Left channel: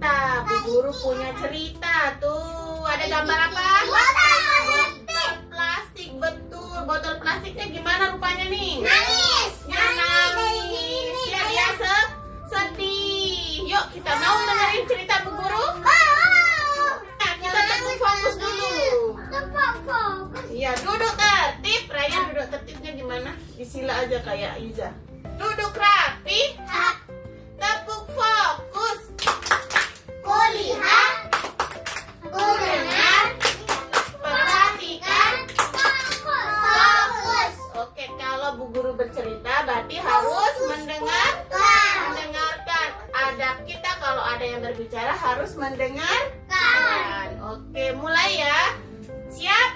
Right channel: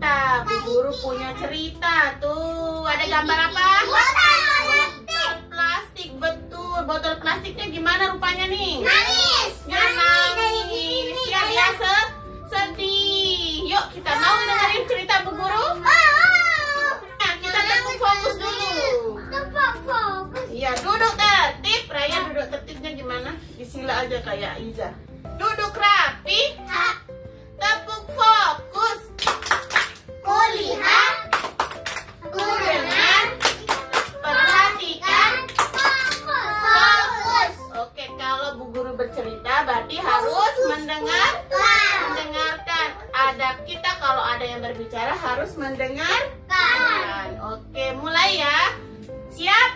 cerita. Bu Guru punya cerita. Tuh, ada gambar apa? Botol plastik, betul. Botol plastiknya gimana rupanya nih? Nangis. Ya, nangis. Ya, dia sedih. Yuk, kita mau dengerin cerita Bu Guru? Nah, kita tepuk fokus dulu. Iya, duduk tertib. Raya duduk tertibnya gimana? Disila aja kayak Iza. Duduk rapi. Tepuk fokus. Kulihat. Kudengar. Perhatikan. Fokus. Oke, kalau Bu Guru bercerita berarti harus mendengarkan. Adab kita kalau ada yang berbicara harus mendengarkan. Oke, mulai ya. Siap?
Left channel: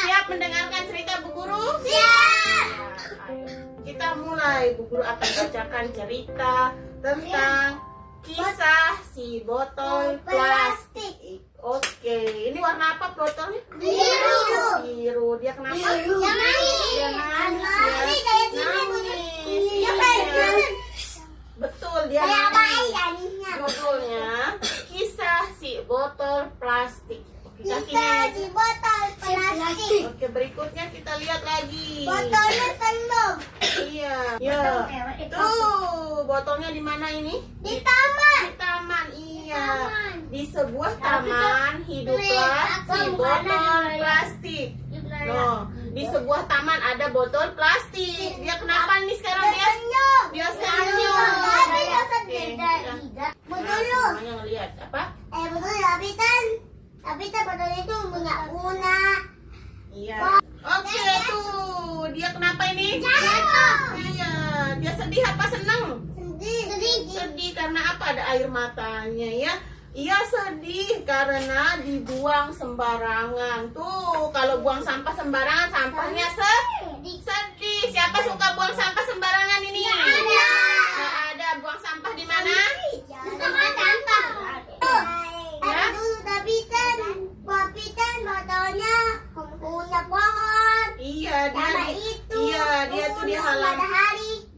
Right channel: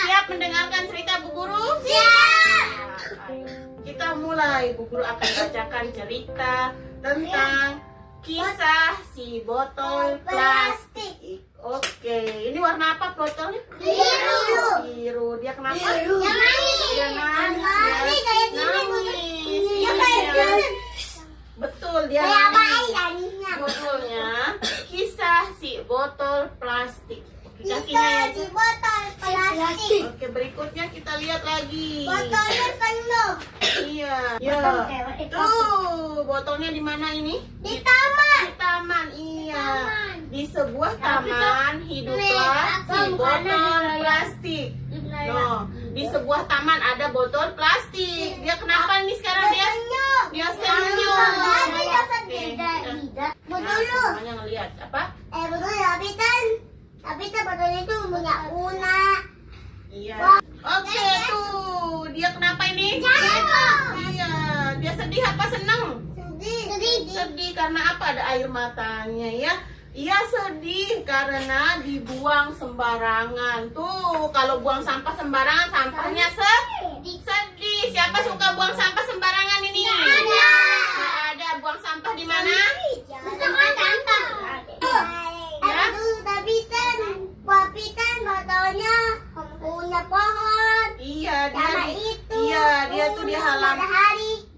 Siap mendengarkan cerita Bu Guru? Siap. Nah, ayo. Kita mulai. Bu Guru akan bacakan cerita tentang kisah si botol plastik. Oke, ini warna apa botolnya? Biru. Dia kenapa? Biru. Dia nangis. Dia nangis. Nangis. Dia Iya. Betul, dia nangis. nangis. Judulnya kisah si botol plastik. Oke, kakinya Kita ya. di botol plastik. Oke, berikutnya kita lihat lagi. Botolnya penuh. Iya. Ya. Tuh, botolnya di mana ini? Di taman. Di taman. Iya. Taman. Di sebuah taman hiduplah si botol plastik. Loh, di sebuah taman ada botol plastik. Dia kenapa nih sekarang dia? Dia senyum. Tapi dia Oke. sedih. Nah, Betul. semuanya ngelihat apa? Betul tapi kan botolnya itu punya guna. Iya. Oke, tuh. Dia kenapa ini? Jatuh. Iya. Dia sedih apa senang? Sedih. Sedih karena apa? Ada air matanya ya. Ia sedih karena dibuang sembarangan. Tuh, kalau buang sampah sembarangan, sampahnya sedih. Siapa suka buang sampah sembarangan ini? Nggak ada. Buang sampah di mana? Tempat sampah. Tapi kan botolnya punya pohon. Iya, dia tuh di halaman.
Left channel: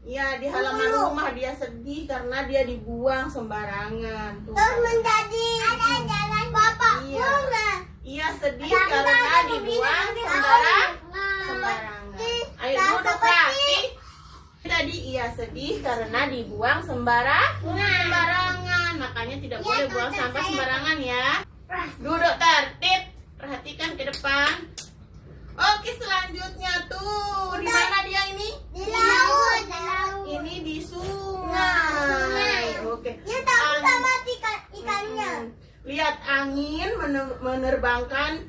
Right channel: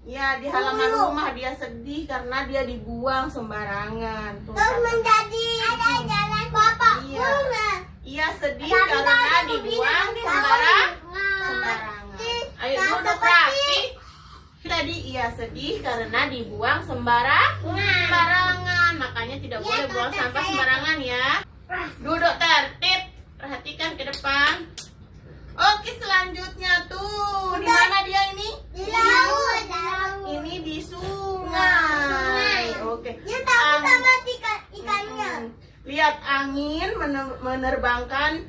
Iya, di halaman rumah dia sedih karena dia dibuang sembarangan. Tuh, Terus menjadi jalan bapak Iya. bunga. Iya, sedih karena dibuang sembarangan. Ayo duduk rapi. Tadi ia sedih karena dibuang sembarangan. Makanya tidak boleh buang sampah sembarangan ya. Duduk tertib. Perhatikan ke depan. Oke, selanjutnya tuh. Di mana dia ini? Di laut. Ini di sungai. Oke. Dia takut sama ikannya. Lihat angin menerbangkan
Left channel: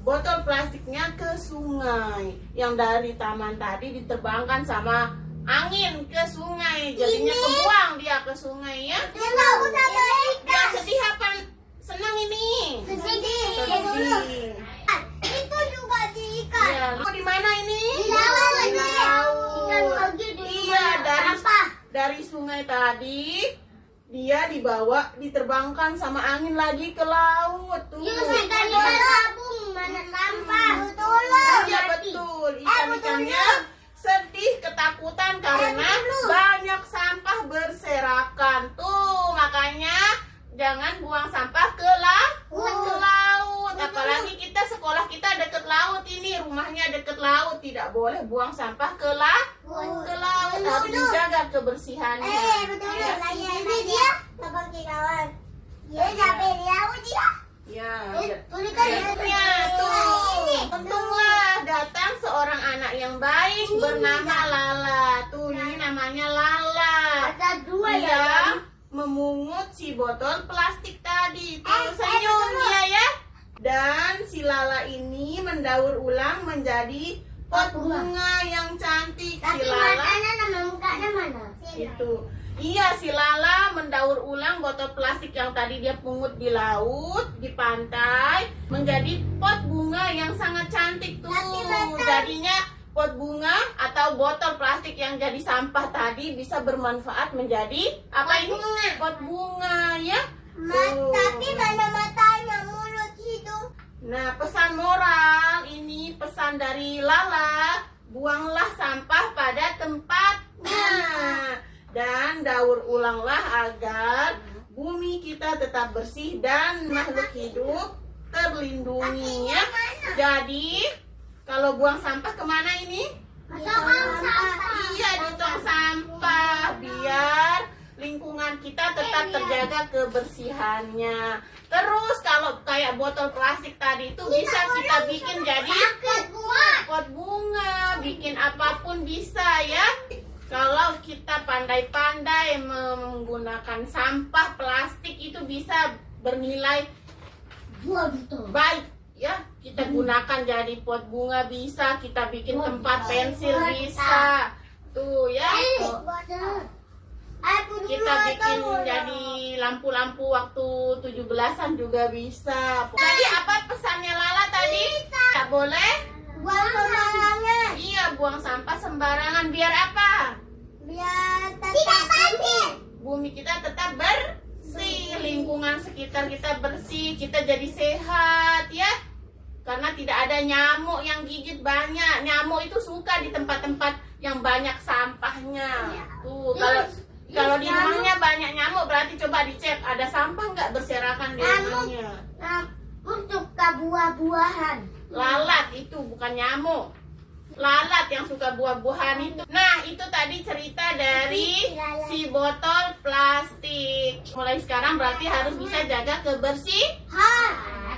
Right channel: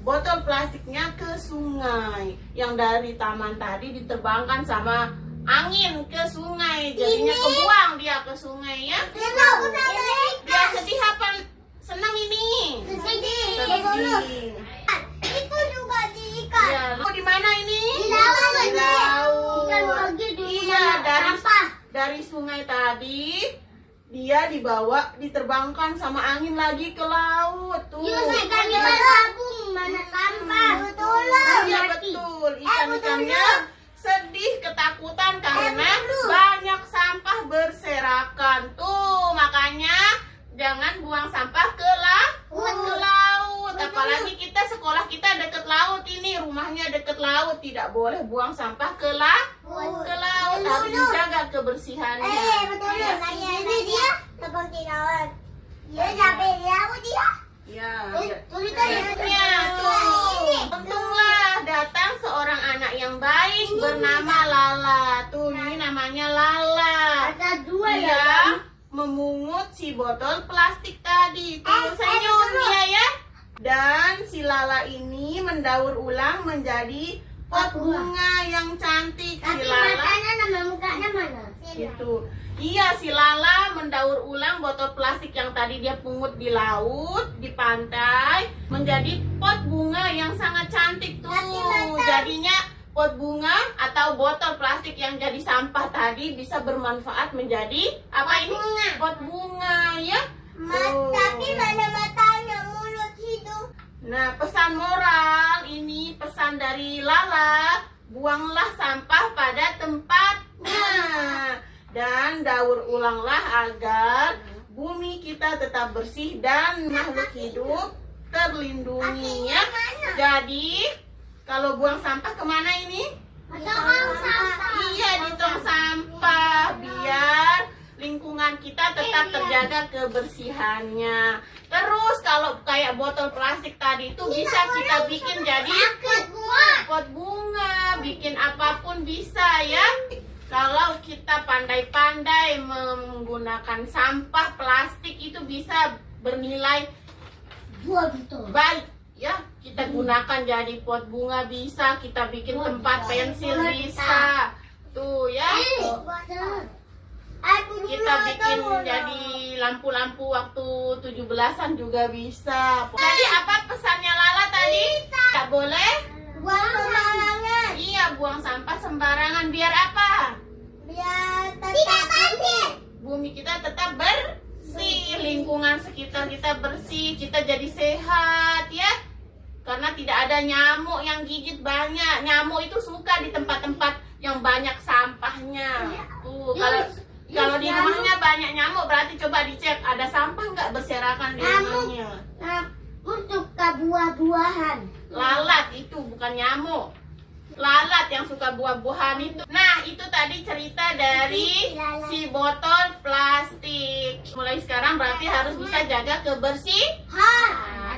botol plastiknya ke sungai. Yang dari taman tadi diterbangkan sama angin ke sungai. Jadinya kebuang dia ke sungai ya. Dia takut sama Dia sedih apa? Senang ini? sedih. Itu juga di ikan. Ya, lu di mana ini? Di laut. Di laut. Ikan lagi di Iya, sampah. dari sungai tadi dia diterbangkan sama angin lagi ke laut tuh. Ikannya gabung mana sampah. Betul. Iya betul, ikan-ikannya sedih ketakutan karena banyak sampah berserakan tuh. Makanya jangan buang sampah ke laut. Apalagi sekolah kita deket laut ini, rumahnya deket laut, tidak boleh buang sampah ke laut. Harus dijaga kebersihannya. Betul. Ya. Ini dia seperti laut. Dia sampai di laut dia. Ya. Tulisannya Tuh, untunglah datang seorang anak yang baik bernama Lala. Tuh, ini namanya Lala. Ada dua Dia memungut si botol plastik tadi. Tuh, senyum dia ya. Dan si Lala ini mendaur ulang menjadi pot bunga yang cantik. Si Tapi Lala matanya nama mukanya mana? itu. Iya, si Lala mendaur ulang botol plastik yang tadi dia pungut di laut, di pantai, menjadi pot bunga yang sangat cantik tuh. Jadinya pot bunga atau botol plastik yang jadi sampah tadi bisa bermanfaat menjadi apa ini? Pot bunga ya. Tuh. Tapi mana matanya, mulut, hidung. Nah, pesan moral ini pesan dari Lala, buanglah sampah pada tempatnya dan daur ulanglah agar bumi kita kita tetap bersih dan makhluk hidup terlindungi ya. Jadi kalau buang sampah kemana ini? Tong sampah. Iya, di tong sampah biar lingkungan kita tetap terjaga kebersihannya. Terus kalau kayak botol plastik tadi itu bisa kita bikin jadi pot bunga, bikin apapun bisa ya. Kalau kita pandai-pandai menggunakan sampah plastik itu bisa bernilai baik ya. Kita gunakan jadi pot bunga bisa, kita bikin tempat pensil bisa. Tuh ya. Kita bikin jadi lampu-lampu waktu 17-an juga bisa. Jadi apa pesannya Lala tadi? Tidak boleh Buang sembarangan. iya buang sampah sembarangan. Biar apa? Biar tidak banjir. Bumi kita tetap bersih, lingkungan sekitar kita bersih, kita jadi sehat ya. Karena tidak ada nyamuk yang gigit banyak. Nyamuk itu suka di tempat-tempat yang banyak sampahnya. Tuh, kalau di rumahnya banyak nyamuk berarti coba dicek ada sampah nggak berserakan di rumahnya. Untuk ke buah-buahan. Lalat itu bukan nyamuk. Lalat yang suka buah-buahan itu. Nah, itu tadi cerita dari si botol plastik. Mulai sekarang berarti harus bisa jaga kebersihan.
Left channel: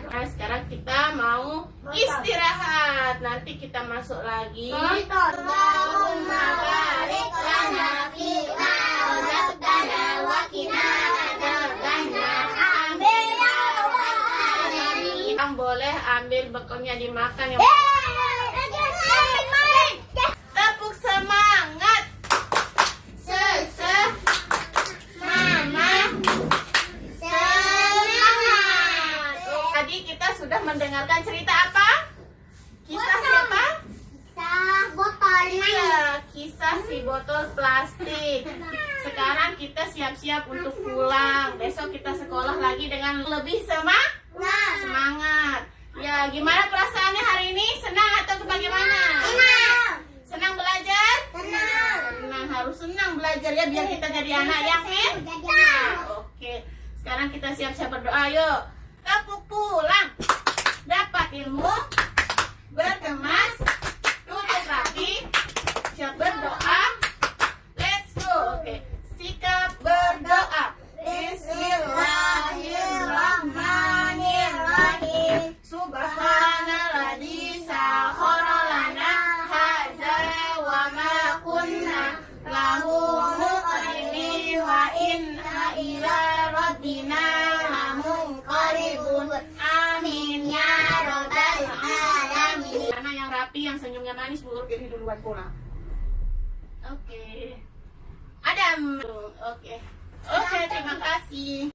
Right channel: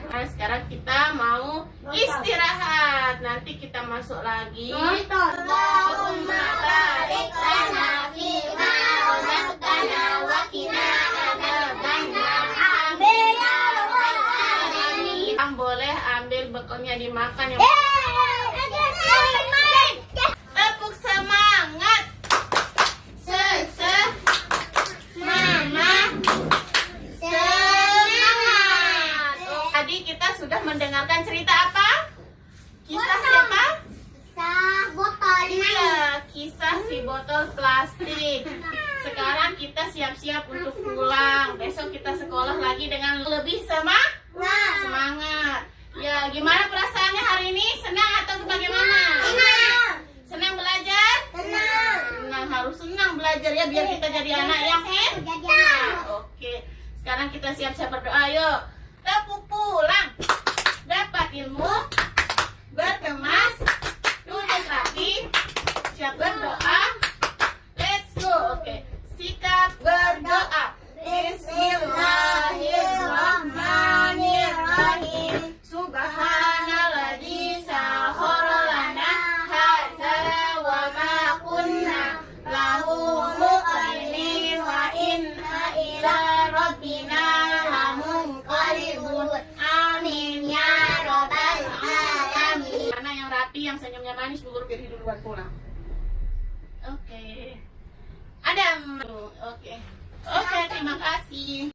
Nah, sekarang kita mau istirahat. Nanti kita masuk lagi. Allahumma barik lana fima razaqtana wa qina adzabannar. Amin ya rabbal alamin. Yang boleh ambil bekalnya dimakan yang tepuk semangat. Mama semangat. Tadi kita sudah mendengarkan cerita apa? Kisah siapa? Botol Iya, kisah si botol plastik. Sekarang kita siap-siap untuk pulang. Besok kita sekolah lagi dengan lebih semangat. Ya, gimana perasaannya hari ini? Senang atau bagaimana? Senang belajar? Senang, harus senang belajar ya biar kita jadi anak yang Oke, sekarang kita siap-siap berdoa. Yuk, tepuk pulang. Dapat ilmu, berkemas, duduk rapi, siap berdoa. Let's go. Oke, sikap berdoa. Bismillahirrahmanirrahim. Subhanalladzi sakhkhara lana hadza wa ma kunna lahu muqrinin wa inna ila rabbina lamunqalibun. Amin ya rabbal alamin. Mana yang rapi, yang senyumnya manis, bulur ke hidung buat pulang. Oke. Adam. Oke, terima kasih.